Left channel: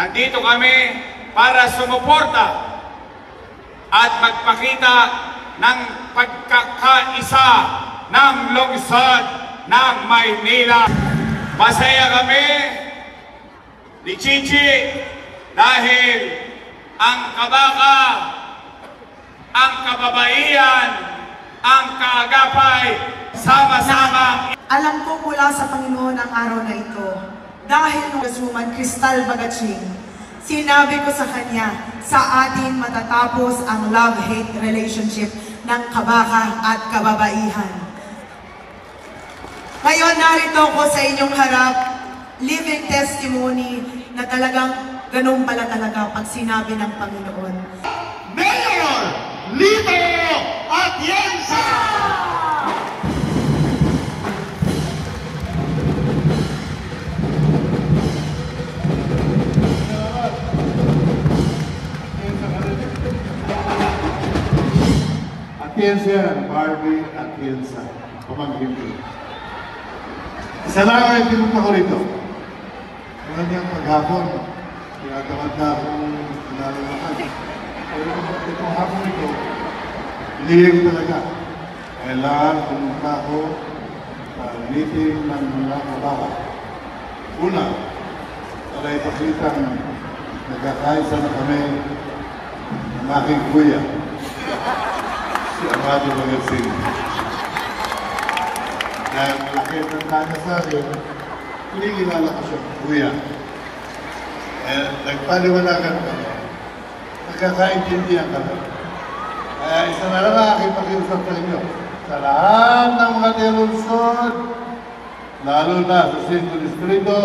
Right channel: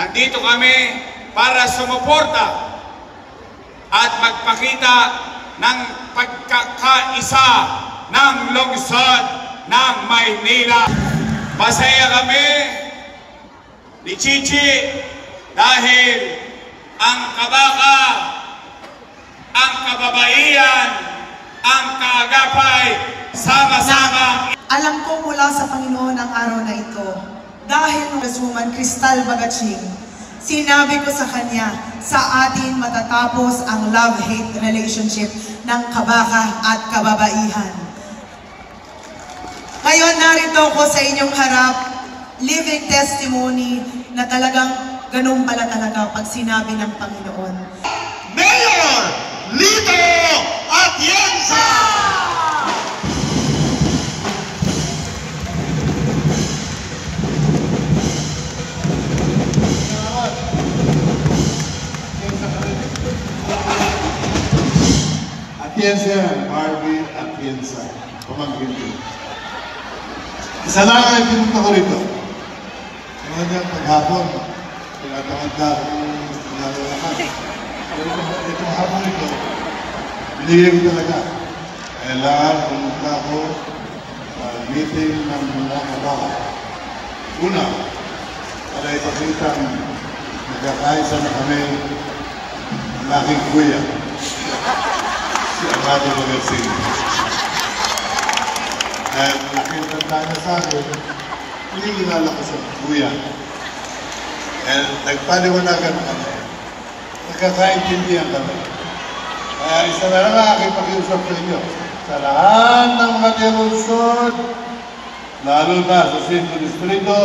Nandito kami para sumuporta at magpakita ng pagkakaisa ng lungsod ng Maynila. Masaya kami ni Chichi dahil ang kabaka, ang kababaihan, ang kaagapay, sama-sama. Alam ko mula sa Panginoon ang araw na ito. Dahil ng Congresswoman Cristal Bagachin, sinabi ko sa kanya, sa atin matatapos ang love-hate relationship ng kabaka at kababaihan. Ngayon narito ko sa inyong harap, living testimony na talagang ganun pala talaga pag sinabi ng Panginoon. Mayor Lito Atienza! Atienza yan, Barbie Atienza. Pamangkin ko. Isa lang ay pinunta ko rito. Ngayon yung paghapon, pinagkakanda akong pinalalaman. Pero itong hapon ito, pinilig talaga. Kailangan pumunta ako meeting ng mga kabaka. Una, para ipakita nagkakaisa na kami ng aking kuya. Si Amado Magasin. At nakita na sa akin, pinigilala ko sa kuya. At nagpaliwanagan kami. Nagkakaintindihan kami. Kaya isa na lang aking pakiusap sa inyo. Sa lahat ng matilusod, lalo na sa Sinto Distrito,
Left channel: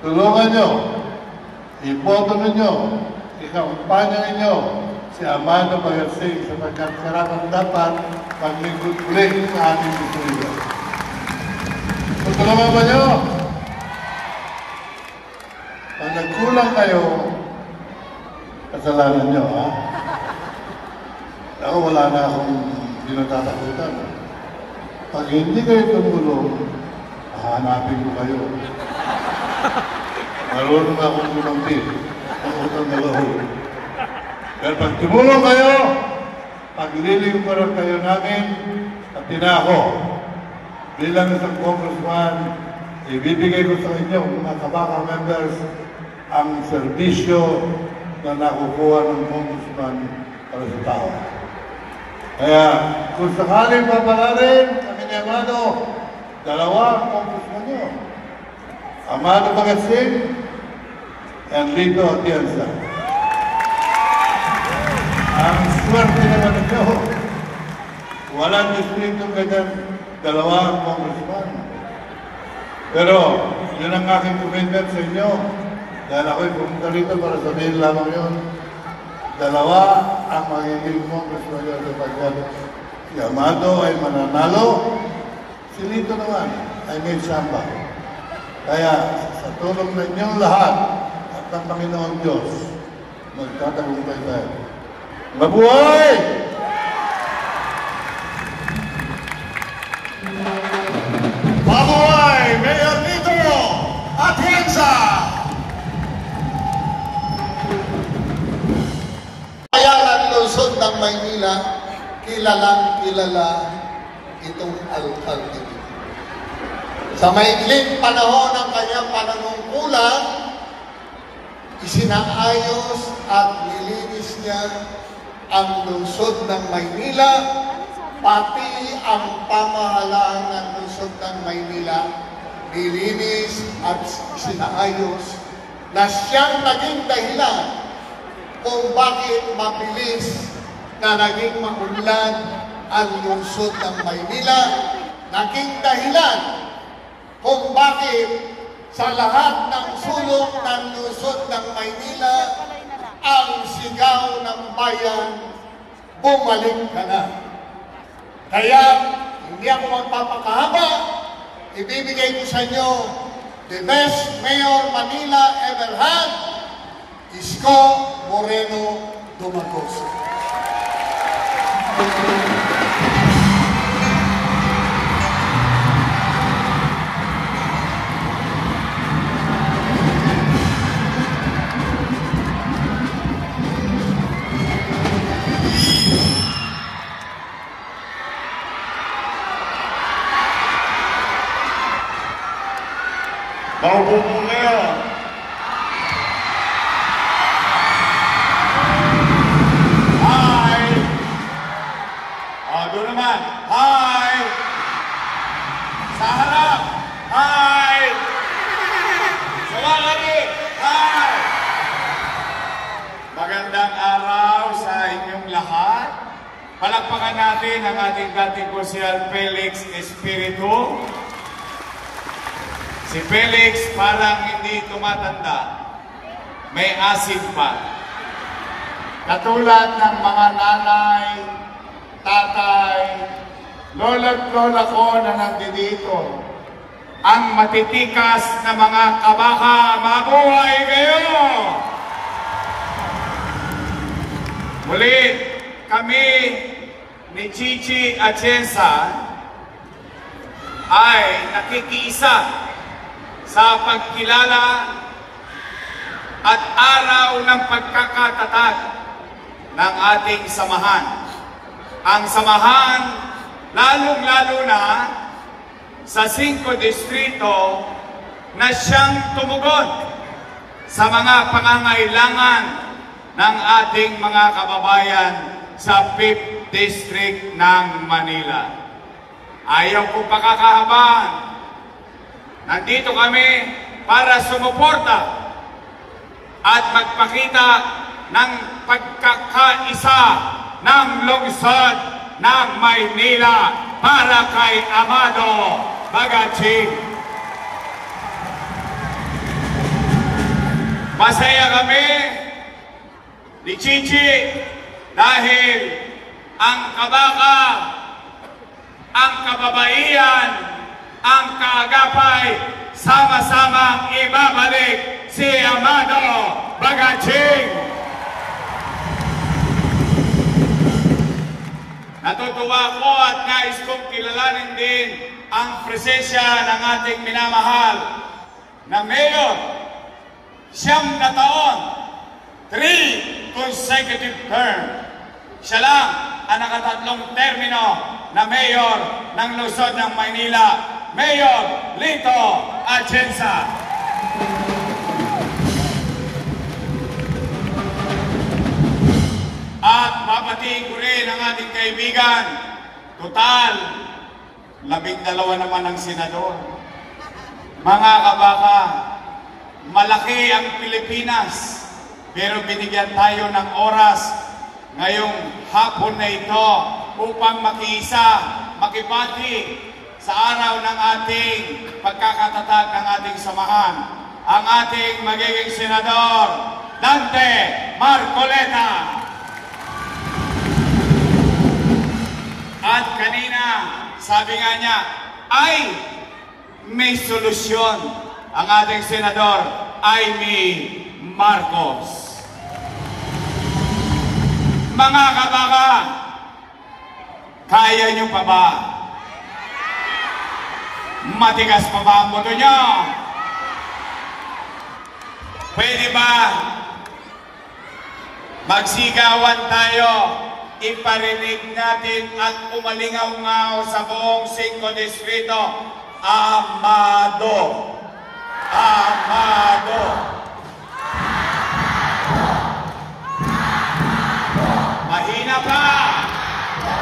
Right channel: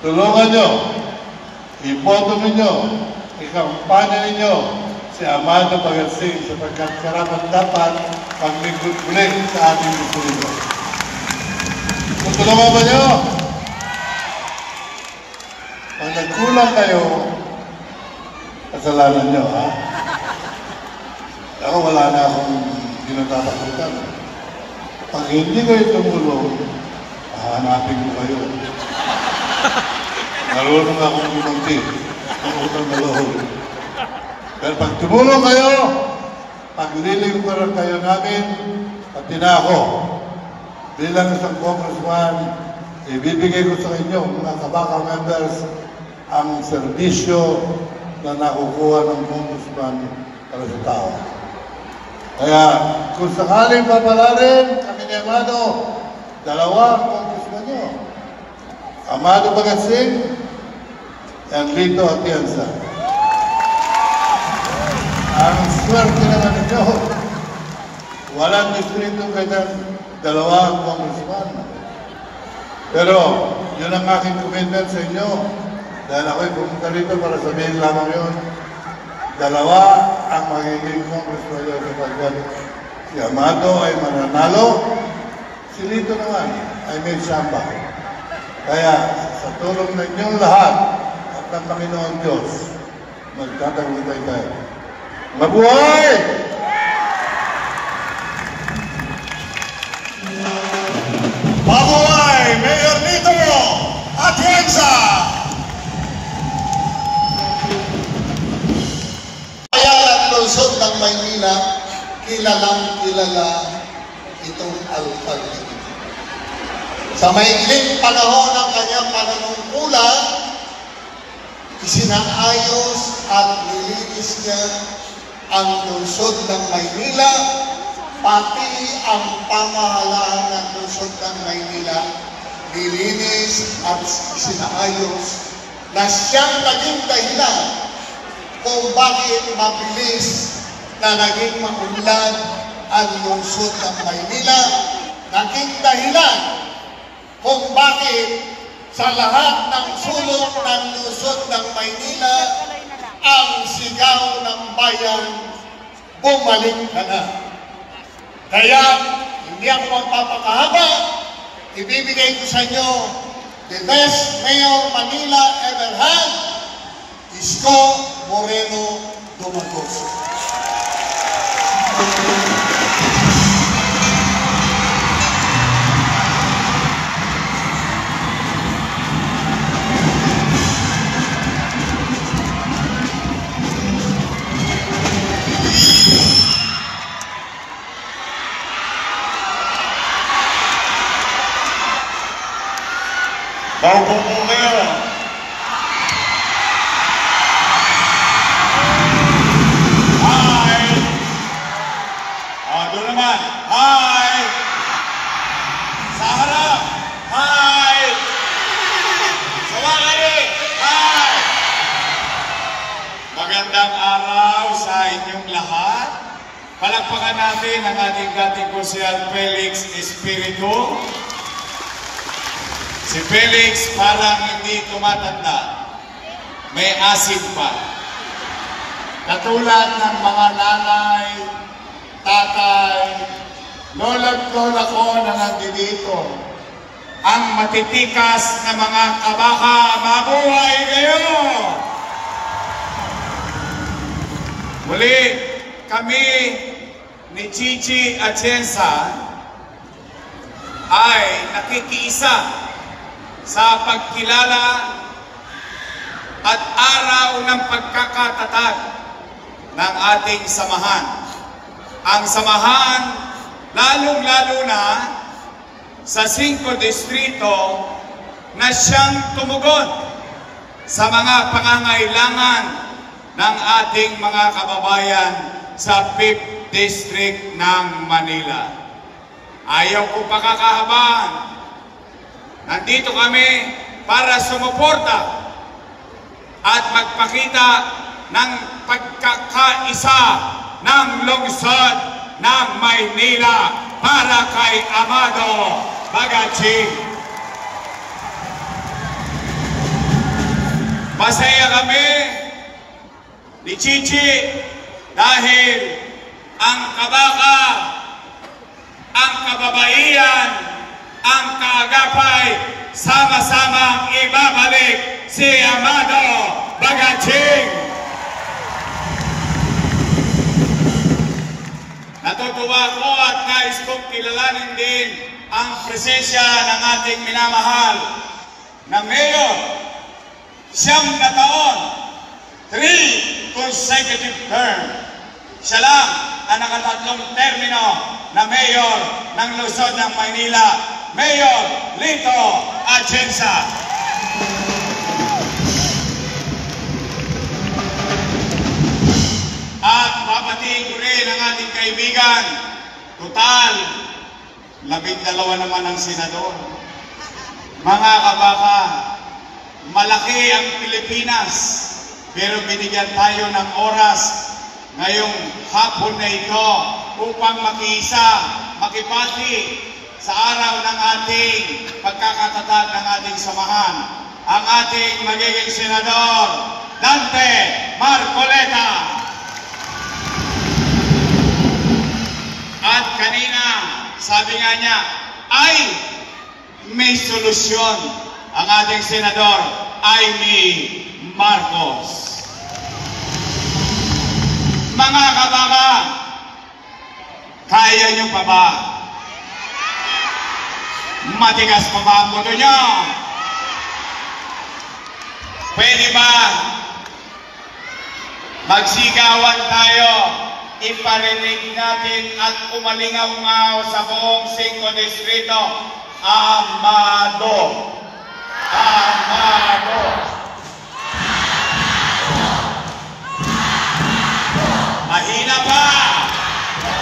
tulungan nyo, iboto ninyo, ikampanya ninyo, si Amado Magasin sapagkat karapat dapat paglingkod-ling sa ating distrito. Tutulungan ba nyo? Pag nagkulang kayo, kasalanan nyo, ha? Ako wala na akong dinatatakutan. Pag hindi kayo tumulong, hahanapin ko kayo. Marunong akong tumungti. Ang maluhod. Pero pag tumulong kayo, paglilingkuran kayo namin, at tinako, bilang isang congressman, ibibigay ko sa inyo, mga kabaka members, ang serbisyo na nakukuha ng congressman para sa tao. Kaya, kung sakaling papalarin, kami ni Amado, dalawa ang congressman nyo. Amado Magasin, and Lito Atienza. Ang swerte naman na siya, walang distrito kaya dalawang congressman. Pero, yun ang aking commitment sa inyo. Dahil ako'y pumunta rito para sabihin lamang yun. Dalawa ang magiging congressman yun sa pagod. Si Amado ay mananalo, si Lito naman ay may samba. Kaya, sa tulong ng inyong lahat at ng Panginoon Diyos, magtatagumpay tayo. Mabuhay! Mabuhay! Mayor Lito Atienza! Kaya ang lungsod ng Maynila, kilalang kilala itong alkalde. Sa maikling panahon ng kanyang pananungkulan, isinaayos at nilinis niya ang lungsod ng Maynila, pati ang pamahalaan ng lungsod ng Maynila, nilinis at sinaayos na siyang naging dahilan kung bakit mabilis na naging maunlad ang lungsod ng Maynila, naging dahilan kung bakit sa lahat ng sulok ng lungsod ng Maynila, ang sigaw ng bayan, bumalik ka na. Kaya, hindi ako magpapakahaba, ibibigay ko sa inyo the best mayor Manila ever had, Isko Moreno Dumagoso. Palakpakan natin ang ating dating Consul Felix Espiritu. Si Felix parang hindi tumatanda, may asin pa. Katulad ng mga nanay, tatay, lola't lola ko na nandito, ang matitikas na mga kabaka, mabuhay kayo! Muli, kami ni Chichi Atienza ay nakikiisa sa pagkilala at araw ng pagkakatatag ng ating samahan. Ang samahan, lalong-lalo na sa 5 distrito na siyang tumugon sa mga pangangailangan ng ating mga kababayan sa 5th District ng Manila. Ayaw ko pakakahabaan. Nandito kami para sumuporta at magpakita ng pagkakaisa ng lungsod ng Maynila para kay Amado Bagaching. Masaya kami ni Chichi dahil ang kabaka, ang kababaihan, ang kaagapay, sama-samang ibabalik si Amado Bagaching. Natutuwa ko at nais kong kilalanin din ang presensya ng ating minamahal na Mayor. 9 na taon, 3 consecutive term. Siya lang ang nakatatlong termino na Mayor ng Lungsod ng Maynila, Mayor Lito Atienza. At papatiin ko rin ang ating kaibigan, total, 12 naman ang senador. Mga kabaka, malaki ang Pilipinas, pero binigyan tayo ng oras ngayong hapon na ito upang makiisa, makipati sa araw ng ating pagkakatatag ng ating samahan. Ang ating magiging senador, Dante Marcoleta. At kanina, sabi nga niya, ay may solusyon ang ating senador, Amy Marcos. Mga kabaka, kaya niyo pa ba? Matigas pa ba ang boto niyo? Pwede ba magsigawan tayo? Iparinig natin at umalingaw-ngaw sa buong 5 distrito, Amado! Amado! Mahina pa!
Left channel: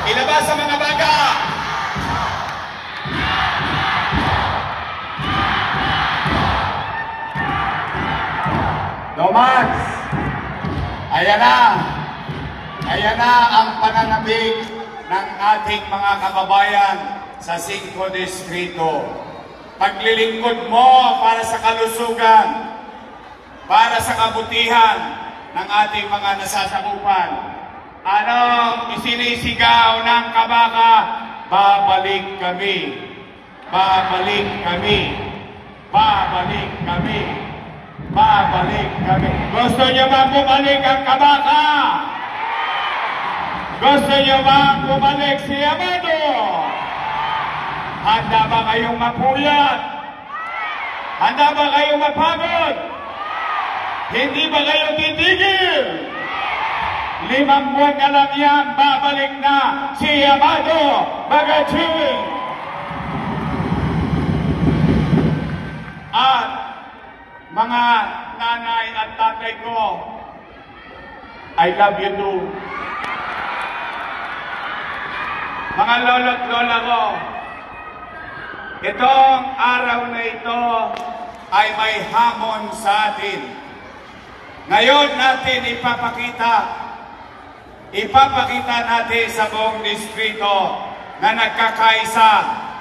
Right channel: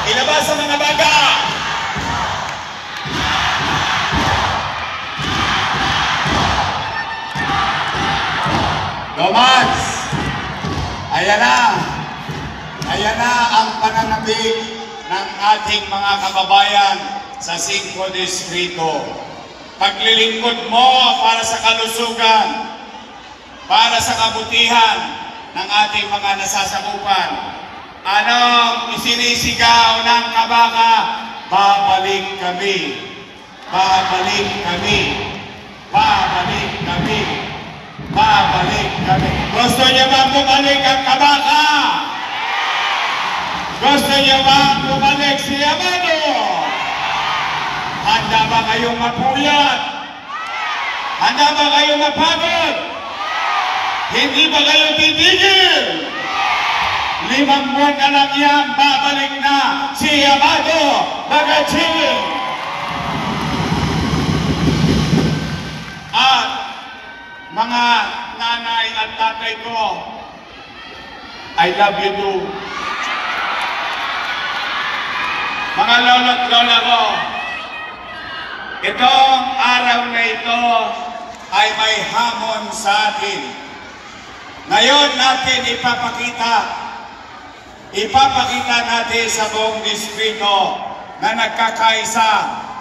Ilabas ang mga baga! Domats! Ayan na! Ayan na ang pananabik ng ating mga kababayan sa 5 distrito. Paglilingkod mo para sa kalusugan, para sa kabutihan ng ating mga nasasakupan. Ano isinisigaw ng kabaka? Babalik kami. Babalik kami. Babalik kami. Babalik kami. Gusto niyo ba bumalik ang kabaka? Gusto niyo ba bumalik si Amado? Handa ba kayong mapuyat? Handa ba kayong mapagod? Hindi ba kayo titigil? 5 buwan na lang yan, babalik na si Amado Bagaching. At mga nanay at tatay ko, I love you too. Mga lolo't lola ko, itong araw na ito ay may hamon sa atin. Ngayon natin ipapakita ipapakita natin sa buong distrito na nagkakaisa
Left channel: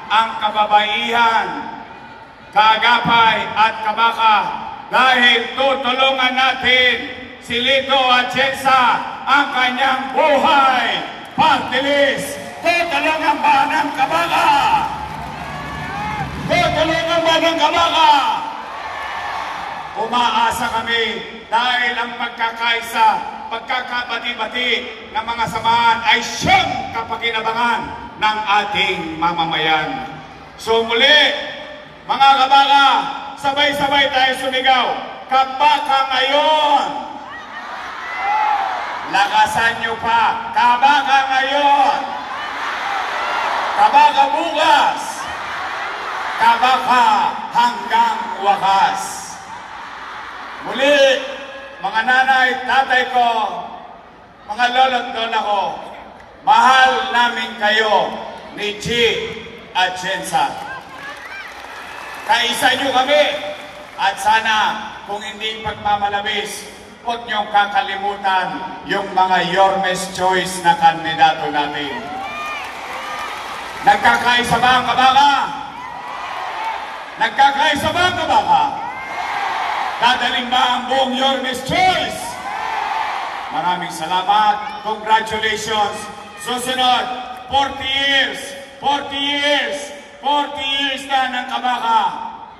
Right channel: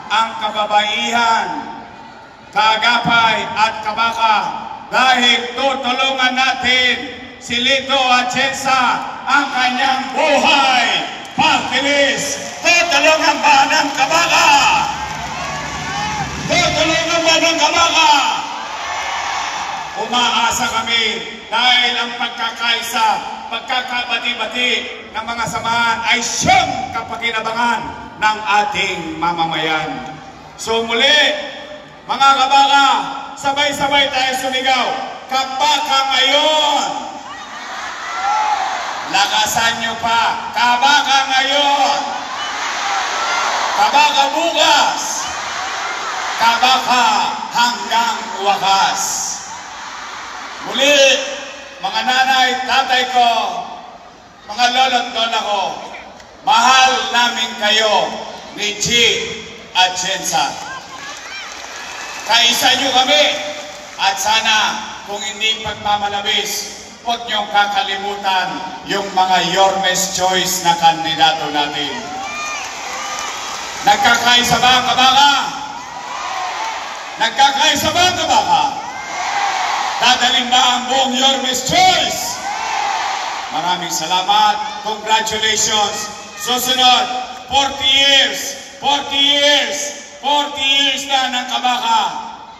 ang kababaihan, Kaagapay at Kabaka dahil tutulungan natin si Lito Atienza ang kanyang buhay. Party list, tutulungan ba ng Kabaka? Tutulungan ba ng Kabaka? Umaasa kami dahil ang pagkakaisa, pagkakabati-bati ng mga samahan ay siyang kapakinabangan ng ating mamamayan. So muli, mga Kabaka, sabay-sabay tayo sumigaw. Kabaka ngayon! Lakasan nyo pa. Kabaka ngayon! Kabaka bukas! Kabaka hanggang wakas! Muli, mga nanay, tatay ko, mga lolo't lola ko, mahal namin kayo ni G. Atienza. Kaisa nyo kami at sana kung hindi pagmamalabis, huwag niyong kakalimutan yung mga Yormes Choice na kandidato natin. Nagkakaisa ba ang Kabaka? Nagkakaisa ba ang Kabaka? Dadaling ba ang buong Yormes Choice? Maraming salamat. Congratulations. Susunod, 40 years. 40 years na ng Kabaka.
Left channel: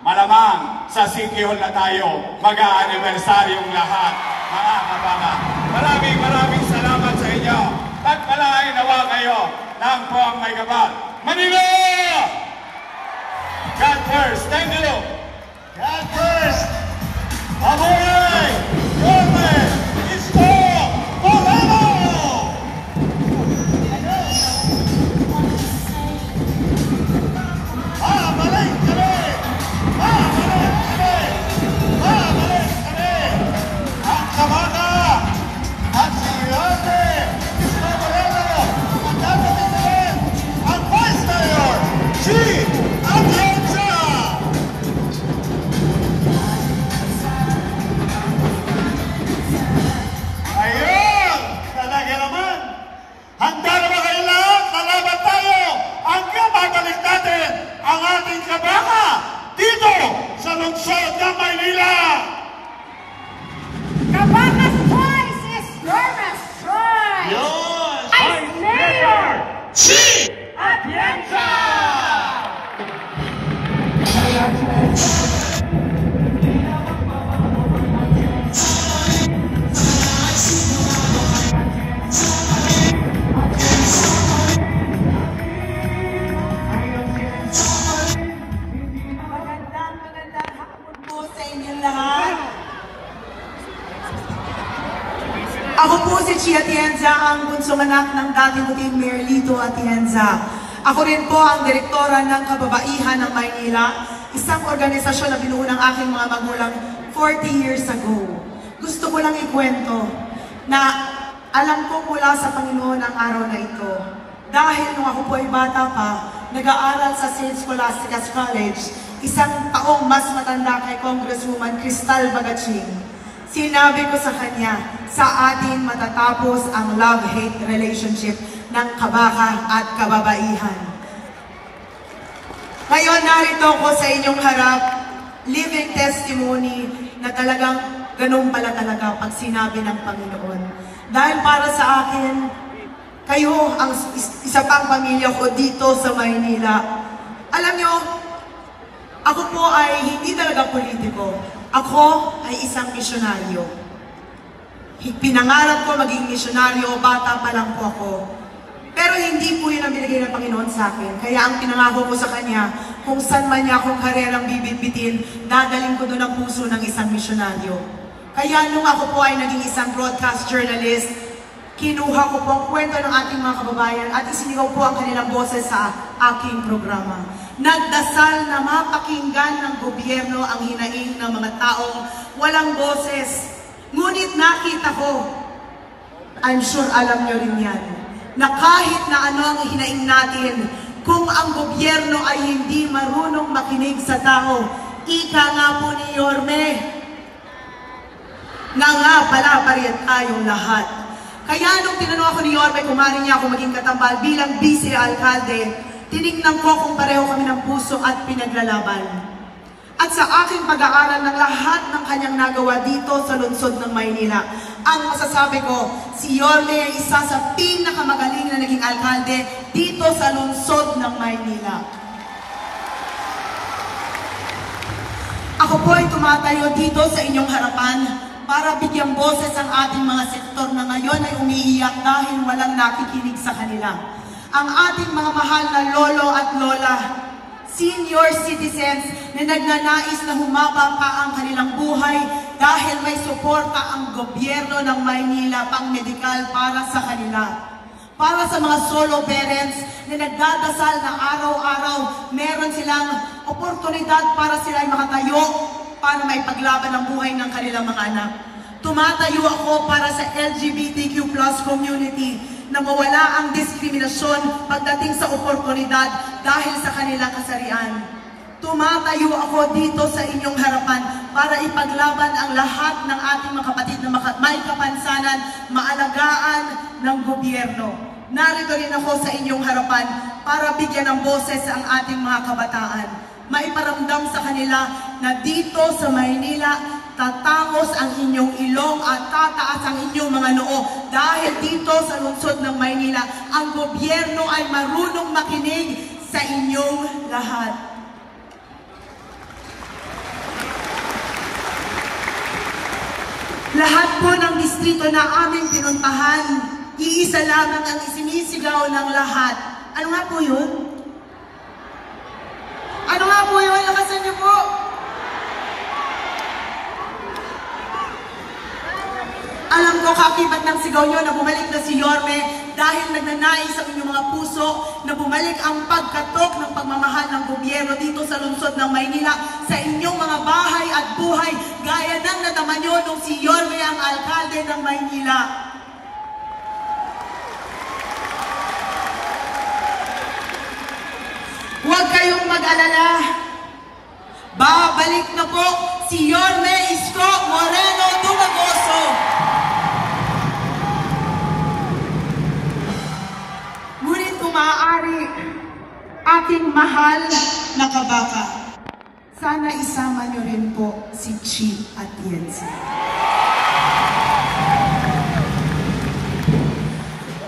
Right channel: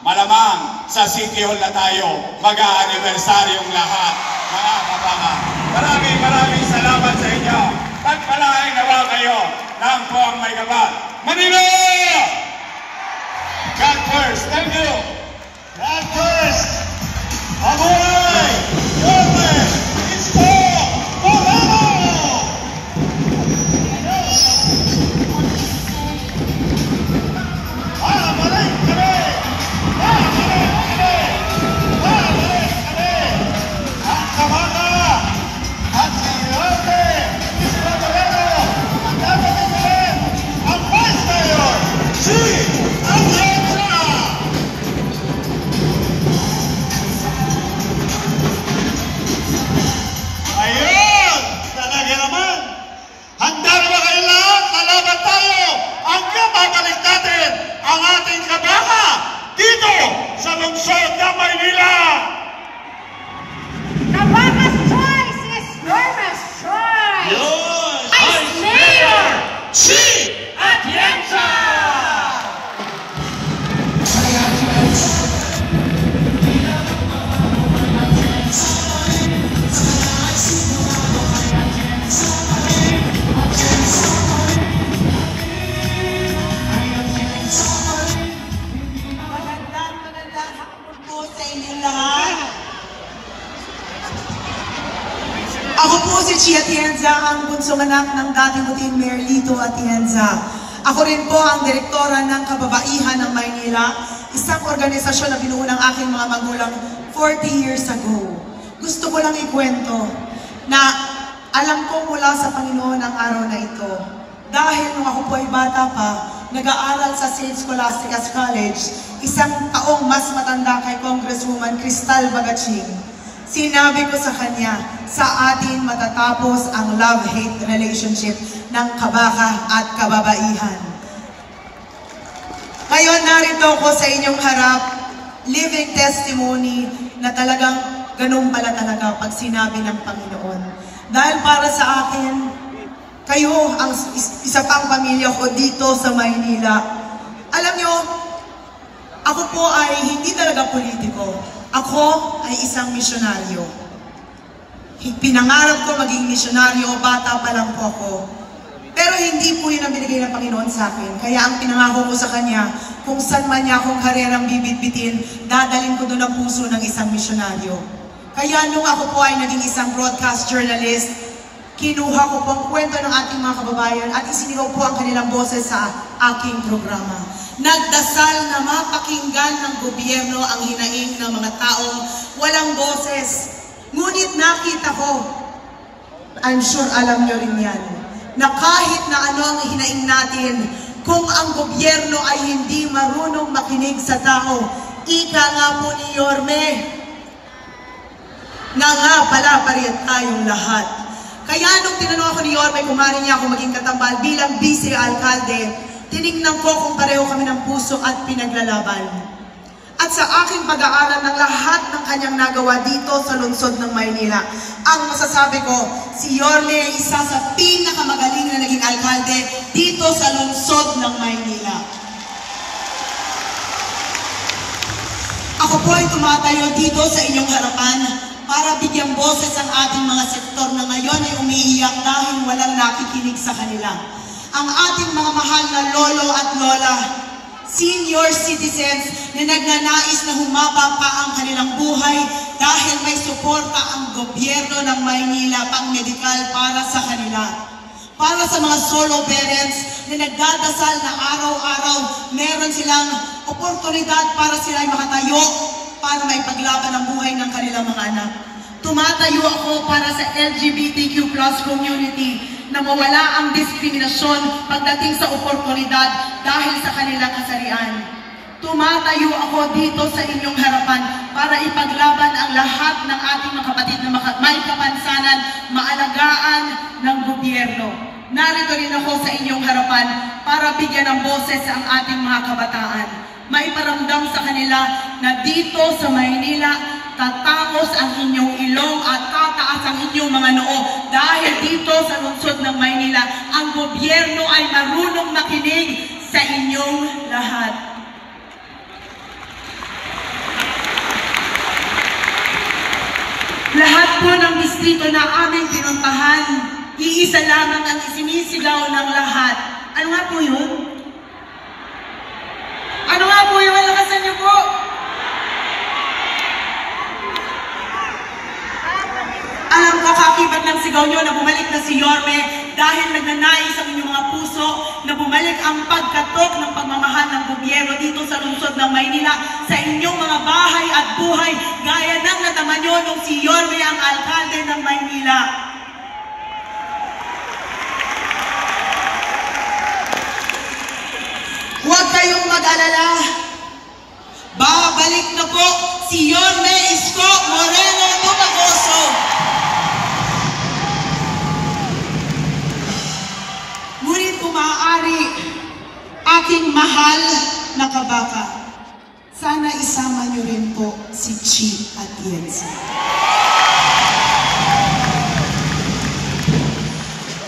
Malamang sa City Hall na tayo mag-a-aniversaryong lahat, mga Kabaka. Maraming salamat sa inyo. Pagpalain nawa kayo ng Poang May Gabal. Manila! God first. Thank you. God first! Mabuhay! Yormes! Isko! Moreno! Babalik kami! Babalik kami! Babalik kami! Ang Kabaka at si Yormes! Isko Moreno! Ang gagawin ang Vice Mayor! Si Atienza! Ayun! Talaga naman! Handa na ba kayo lahat? Lalaban tayo! Hanggang babalik natin ang ating Kabaka dito sa lungsod ng Maynila! Kabaka's choice is Yormes choice! Yun! Vice Mayor Si Atienza! Magandang hapon po sa inyong lahat. Ako po si Chi Atienza, ang bunsong anak ng dating Mayor Lito Atienza. Ako rin po ang direktora ng Kababaihan ng Maynila, isang organisasyon na binuo ng aking mga magulang 40 years ago. Gusto ko lang ikwento na alam ko mula sa Panginoon ang araw na ito. Dahil nung ako po ay bata pa, nag-aaral sa St. Scholastica's College, isang taong mas matanda kay Congresswoman Cristal Bagaching. Sinabi ko sa kanya, sa atin matatapos ang love-hate relationship ng Kabaka at kababaihan. Ngayon narito ko sa inyong harap, living testimony na talagang ganun pala talaga pag sinabi ng Panginoon. Dahil para sa akin, kayo ang isa pang pamilya ko dito sa Maynila. Alam nyo, ako po ay hindi talaga politiko. Ako ay isang misyonaryo. Pinangarap ko maging misyonaryo, bata pa lang po ako. Pero hindi po yun ang binigay ng Panginoon sa akin. Kaya ang pinangako ko sa Kanya, kung saan man niya akong karerang bibit-bitin, dadalhin ko doon ang puso ng isang misyonaryo. Kaya nung ako po ay naging isang broadcast journalist, kinuha ko po ang kwento ng ating mga kababayan at isinigaw po ang kanilang boses sa aking programa. Nagdasal na mapakinggan ng gobyerno ang hinaing ng mga taong walang boses. Ngunit nakita ko, I'm sure alam nyo rin yan, na kahit na ano ang hinaing natin, kung ang gobyerno ay hindi marunong makinig sa tao, ika nga po ni Yorme, na nga pala pa rin tayong lahat. Kaya nung tinanong ako ni Yorme kung maaari niya ako maging katambal bilang vice alkalde, tinignan ko kung pareho kami ng puso at pinaglalaban. At sa aking pag-aaral ng lahat ng kanyang nagawa dito sa lungsod ng Maynila, ang masasabi ko, si Yorme ay isa sa pinakamagaling na naging alkalde dito sa lungsod ng Maynila. Ako po ay tumatayo dito sa inyong harapan para bigyang boses ang ating mga sektor na ngayon ay umiiyak dahil walang nakikinig sa kanila. Ang ating mga mahal na lolo at lola, senior citizens na nagnanais na humaba pa ang kanilang buhay dahil may suporta ang gobyerno ng Maynila pang medikal para sa kanila. Para sa mga solo parents na nagdadasal na araw-araw, meron silang oportunidad para sila ay makatayo para maipaglaban ang buhay ng kanilang mga anak. Tumatayo ako para sa LGBTQ+ community na mawala ang diskriminasyon pagdating sa oportunidad dahil sa kanilang kasarian. Tumatayo ako dito sa inyong harapan para ipaglaban ang lahat ng ating mga kapatid na may kapansanan, maalagaan ng gobyerno. Narito rin ako sa inyong harapan para bigyan ng boses ang ating mga kabataan. Maiparamdam sa kanila na dito sa Maynila, tatangos ang inyong ilong at tataas ang inyong mga noo dahil dito sa lungsod ng Maynila, ang gobyerno ay marunong makinig sa inyong lahat. Lahat po ng distrito na aming pinuntahan, iisa lamang ang isinisigaw ng lahat. Ano nga po yun? Ano nga po yun? Lakasan niyo po! Alam ko kakibat ng sigaw nyo na bumalik na si Yorme dahil nagnanais ang inyong mga puso na bumalik ang pagkatok ng pagmamahal ng gobyerno dito sa lungsod ng Maynila sa inyong mga bahay at buhay gaya ng nataman nyo nung si Yorme ang alkalde ng Maynila. Huwag kayong mag-alala. Babalik na po si Yorme Isko Moreno Dumagoso. Ngunit kung maaari, aking mahal na kabaka, sana isama niyo rin po si Chi at Yensi.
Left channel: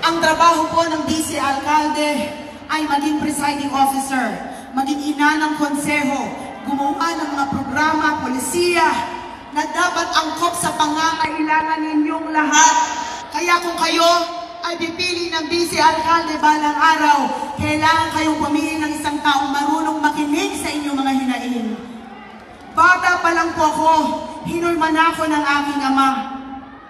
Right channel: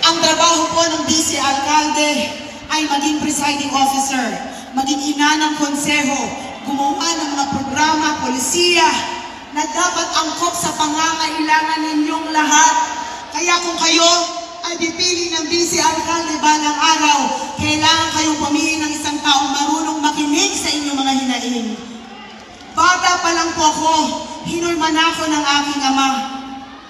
Ang trabaho po ng vice alkalde ay maging presiding officer, maging ina ng konseho, gumawa ng mga programa, polisiya, na dapat angkop sa pangangailangan ninyong lahat. Kaya kung kayo ay pipili ng vice alkalde balang araw, kailangan kayong pumili ng isang taong marunong makinig sa inyong mga hinaing. Bata pa lang po ako, hinulman ako ng aking ama.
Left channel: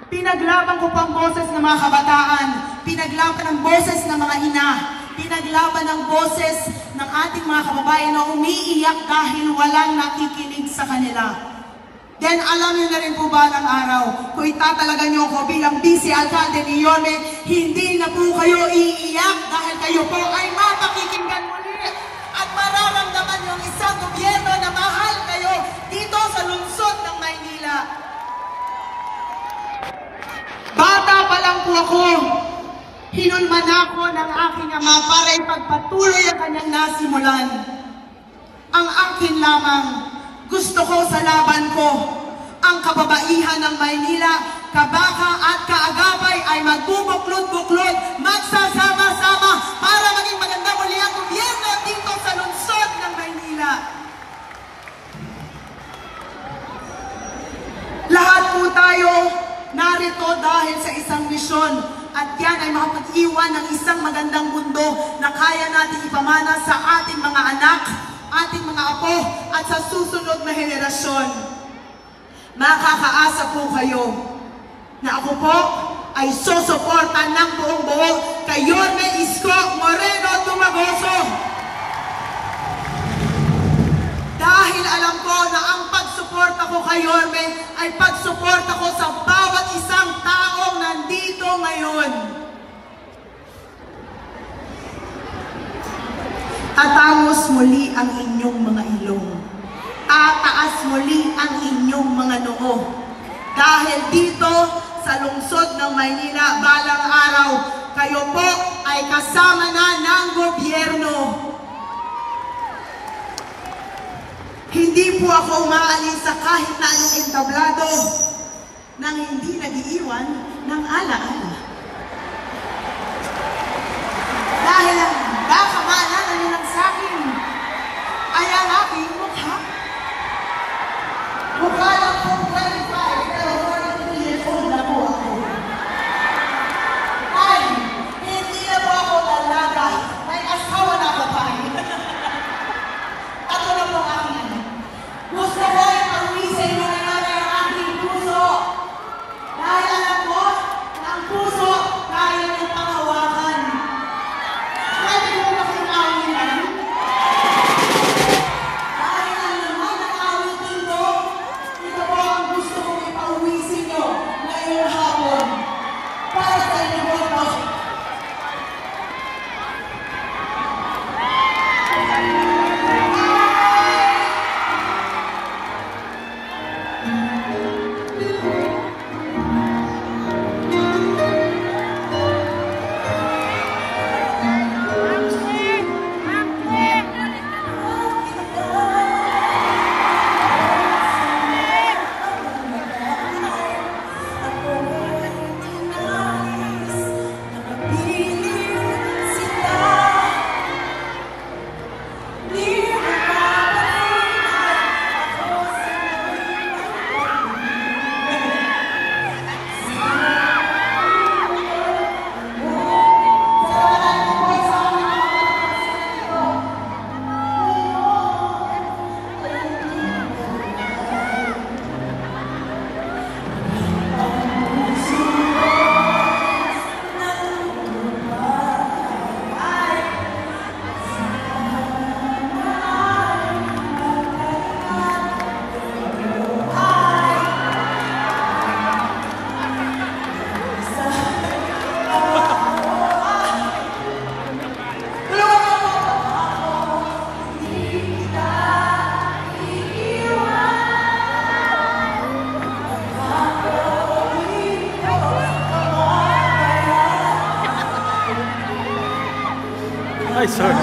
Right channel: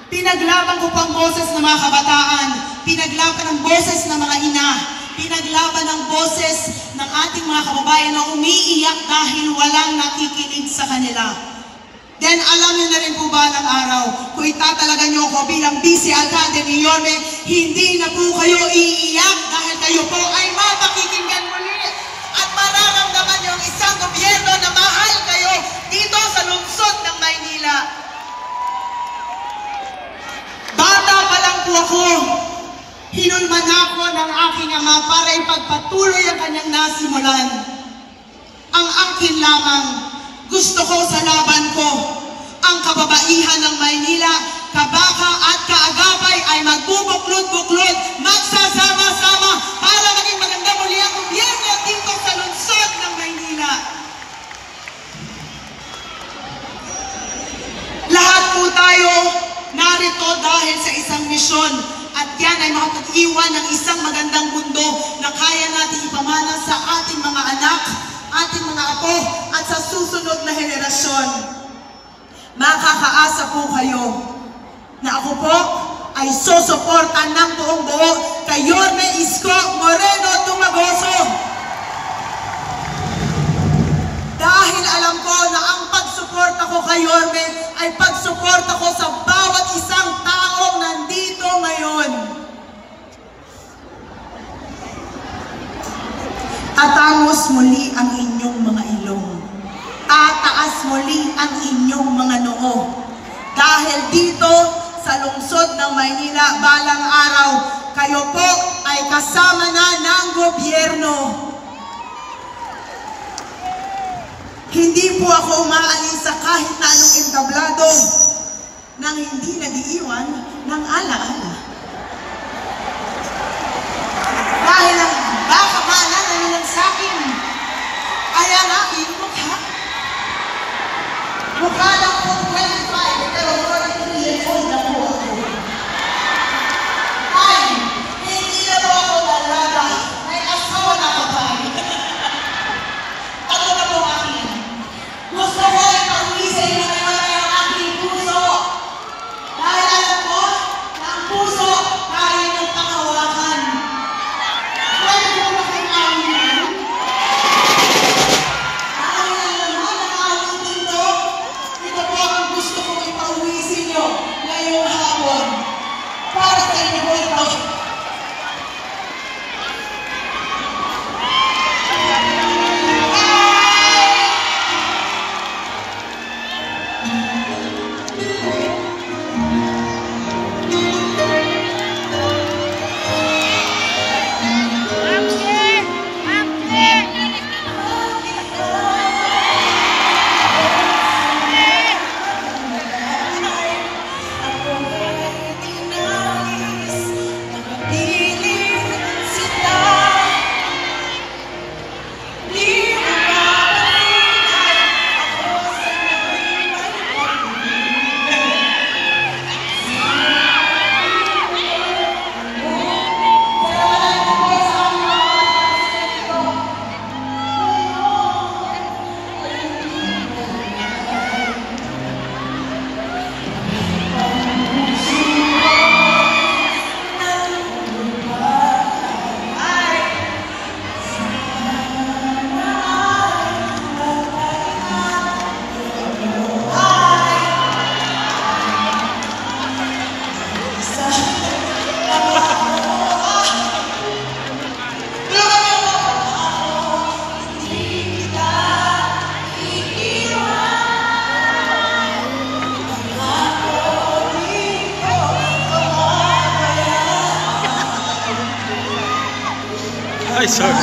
Pinaglaban ko po ang boses ng mga kabataan, pinaglaban ang boses ng mga ina, pinaglaban ang boses ng ating mga kababayan na umiiyak dahil walang nakikinig sa kanila. Then alam niyo na rin po ba ng araw, kung itatalaga niyo ako bilang vice alkalde ni Yorme, hindi na po kayo iiyak dahil kayo po ay mapakikinggan muli at mararamdaman niyo ang isang gobyerno na mahal kayo dito sa lungsod ng Maynila. Bata pa lang po ako, hinulman ako ng aking ama para ipagpatuloy ang kanyang nasimulan. Ang akin lamang, gusto ko sa laban ko, ang kababaihan ng Maynila, kabaka at kaagapay ay magbubuklod-buklod, magsasama-sama para maging maganda muli ang gobyerno dito sa lungsod ng Maynila. Lahat po tayo narito dahil sa isang misyon. At yan ay makapag-iwan ng isang magandang mundo na kaya natin ipamana sa ating mga anak, ating mga apo, at sa susunod na henerasyon. Makakaasa po kayo na ako po ay susuportan ng buong buo kay Yorme Isko Moreno Dumagoso. Dahil alam ko na ang pagsuporta ko kay Yorme ay pagsuporta ko sa bawat isang taong nandito ngayon. Tatangos muli ang inyong mga ilong. Tataas muli ang inyong mga noo. Dahil dito sa lungsod ng Maynila balang araw. Kayo po ay kasama na ng gobyerno. Hindi po ako umaalis sa kahit na anong entablado nang hindi nag-iiwan ng alaala. Dahil ang dapat maalala nyo lang sa akin ay ang aking mukha. Mukha lang po 25 pero 33 years old na po ako. Ay, hindi na po ako dalaga. May asawa na ako pa. Ako na po akin. Gusto ko ay pag-isay na ngayon ang aking puso. Dahil alam ko na ang puso kaya ng pangawakan. Pwede mo makikawin yan? Dahil alam naman ang aming mundo, ito po ang gusto kong ipauwi sa inyo ngayong hapon. Para sa inyo po ito. Ay, sorry.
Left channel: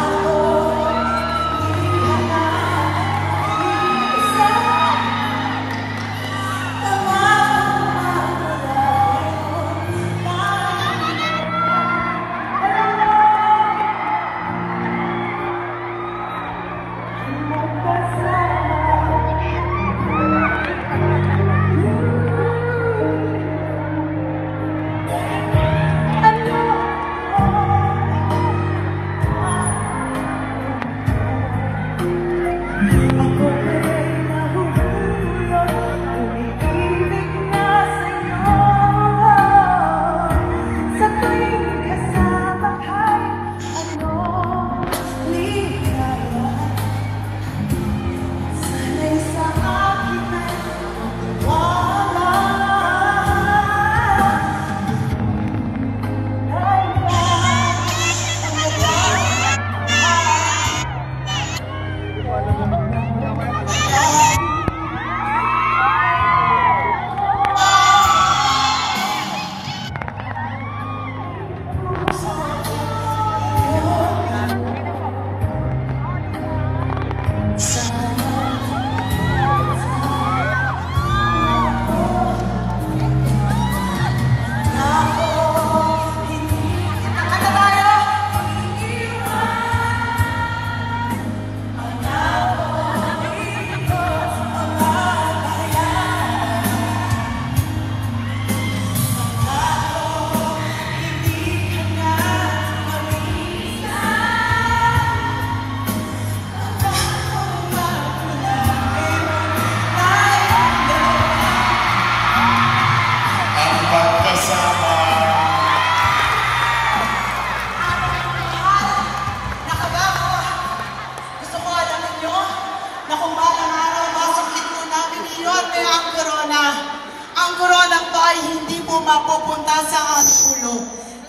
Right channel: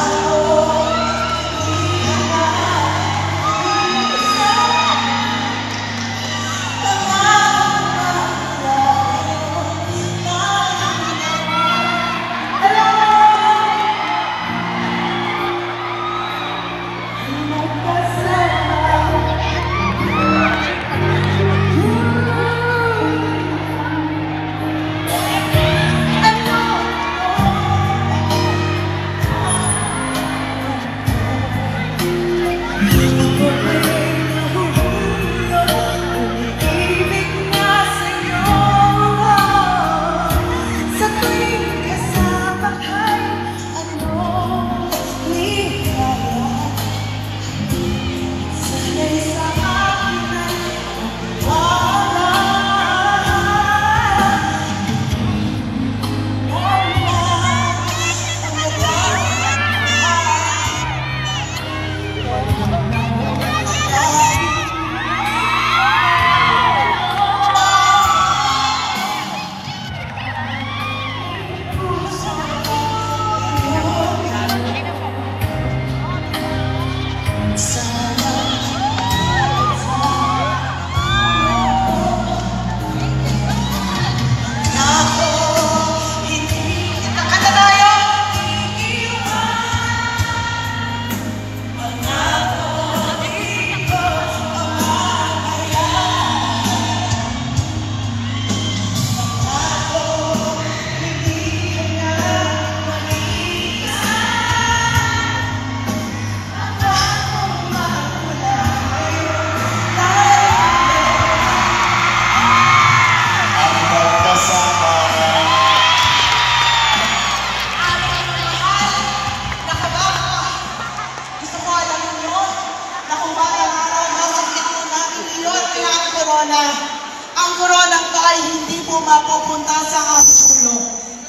Ang koronang to ay hindi po mapupunta sa ating ulo.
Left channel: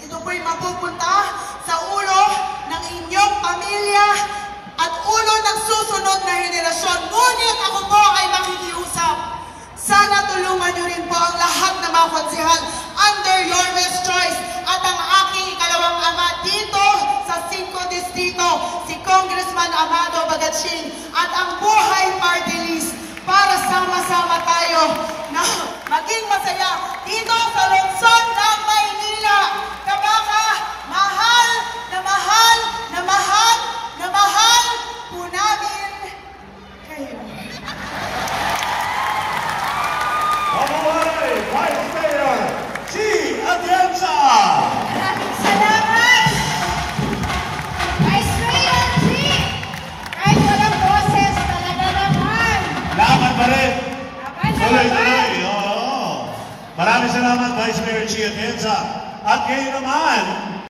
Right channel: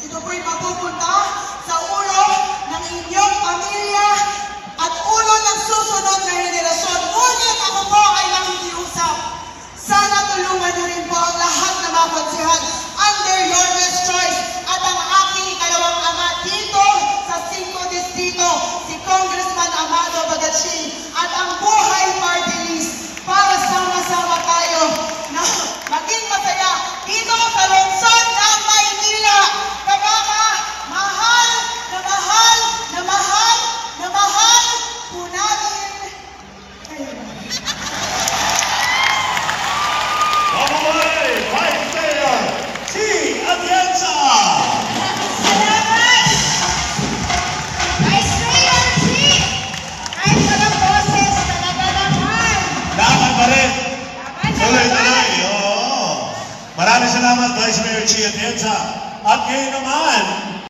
Ito po'y mapupunta sa ulo ng inyong pamilya at ulo ng susunod na henerasyon. Ngunit ako po ay nakikiusap. Sana tulungan niyo rin po ang lahat na mga konsyehal Norwest Choice at ang aking kalawang ama dito sa 5 Distrito, si Congressman Amado Bagatsing at ang Buhay Party List para sama-sama tayo na maging masaya dito sa lungsod ng Maynila. Kabaka, mahal na mahal na mahal na mahal po namin kayo. Mabuhay, Vice Mayor G. Atienza! Salamat! Vice Mayor G! Kahit walang boses, talaga naman! Laban pa rin! Laban Tuloy-tuloy! naman! Oo! Maraming salamat, Vice Mayor G. Atienza. At ngayon naman,